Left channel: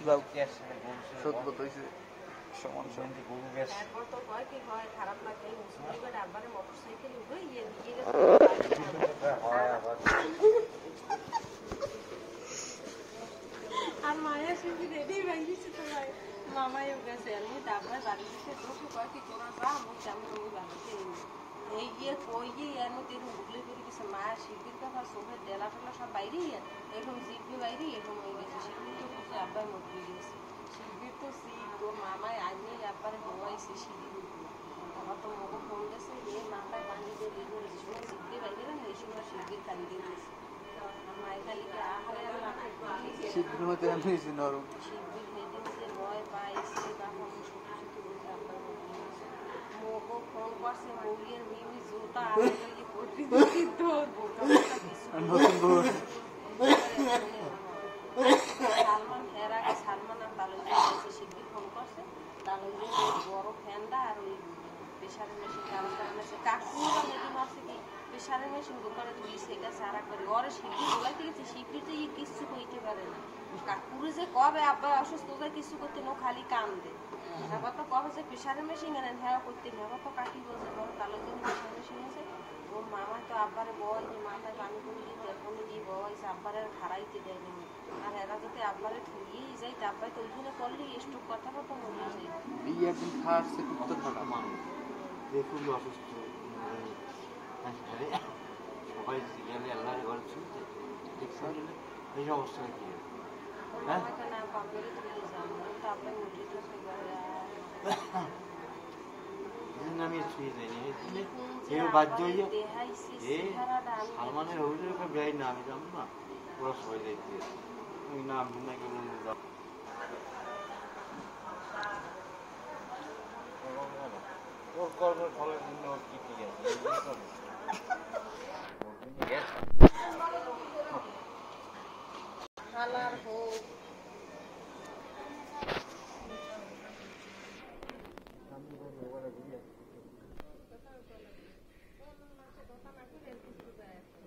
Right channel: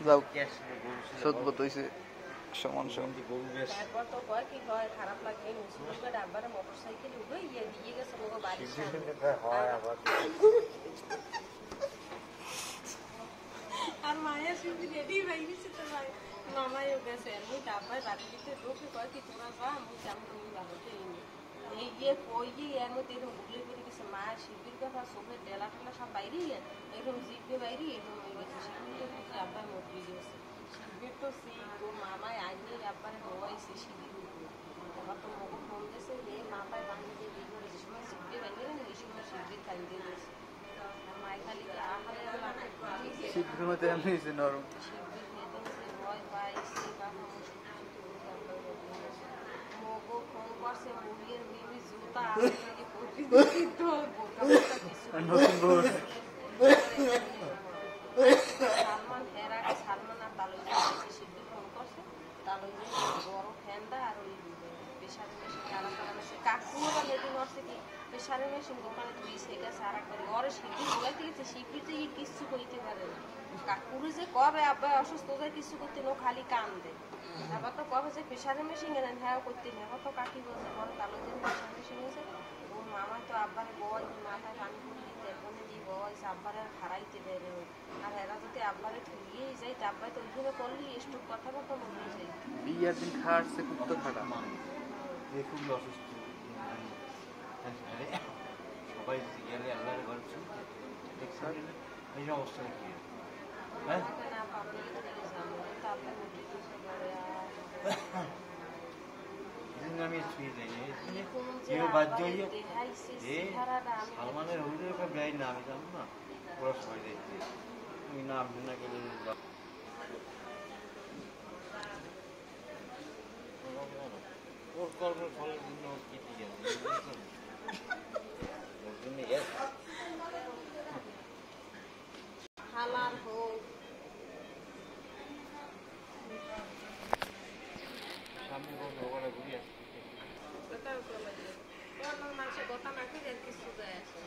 যাও সত্য হইছে সমান সমান গরু গ্যাস কত কয় কি হয় খারাপ লাগে মুসলিমের আব্বারে মোটরসাইকেল উঠে দিয়ে গেছে আর মায়া শুধু রেডি হয়ে গেছে তো মামাইও গেছে আর মুই আব্বার বাড়িতে বসে কয় কি তোরা যা মুখ কেমন তুমি বাড়িতে এই গিয়ে কই গিয়ে এর মধ্যে এরকম বুগলে বেরিয়ে গেছে মায়া শিল্পীর কথা চোখের ডেলা টেলা সব বাইরে এরকম জিভে বাইরে এরকম হয়ে গেছে শিল্পী তো বুঝে আব্বাই মরে গেছে শিল্পীর তো তোর মামায় আইনি আব্বারে হওয়াইছে সিঁড়ি এবার তো মগো ফোন গেছে মেয়ে মাথায় পানি দিয়ে বের করে যে সময় জিভে বাইরে না এই সময় শিল্পীর কান দিয়ে দিয়েছে আর মায় খালি আহারে শিল্পীর মধ্যে আমি নরম শিল্পীর হেদিনছে ভয় পাইছে কাকা মগো ফোন করছে মুগির মিমি জুতা আছে নাকি পড়তে তোর বোকা বোকা কিছু সালমান এর আগে সালমান আর তালুই গেছে শিল্পী ফোন করছে তালুই বড় ফ্যানটা আর ওই প্রেশারের মেশিন চালু করা মেশে কাকুরা হেঁটে নড়ছে কি প্রেশারের মেশিন দোকানে দুই সেটা সারা করে ওরে শিল্পী জোগাইতে গেছে শিল্পী তো কিচ্ছু করতে পারে না কাকুরে যে কবে আব্বা অসুস্থ হয়ে কিছু করতে নো খালি কান দে এবার তো কবে যে প্রেশারের মেশিন এনেন হ্যাঁ করতে নেই এবার তো কাকি বলছে বড় তালুই দিন প্রেশার মেশিন আছে ওর মামা তো আব্বারে বয় মাথায় পানি করে দিয়ে তেলফোনে দিয়ে বয়স আব্বারে খারাইতে দেয় না আর এরা যদি আব্বারে ঠুইয়েই যায় তা আব্বাই তো ওইখানে করলি একটু কথা কথা মরে যায় বিয়ার দিন খাটছে কুত্তর খাটা খুবই অসুস্থ সবাই গেলে আল্লাহর ঘর এই অবস্থা কি হ্যাঁ না পাবলিক চলে যাবো তারপর উঠে তো সেবারে আমি শুয়ে যাই বাধ্য হইয়া সালমানের হইলে যাই না আমি জানো না ওরা সবাই যাইতে ওই না ভুনা করে ওর কর্মের ফলের জন্য ওর কি ঠিক আছে হালার হোক সামনে ওখানে ঘুরে আসছে মানুষের কথা না করে কিছু যায় আসে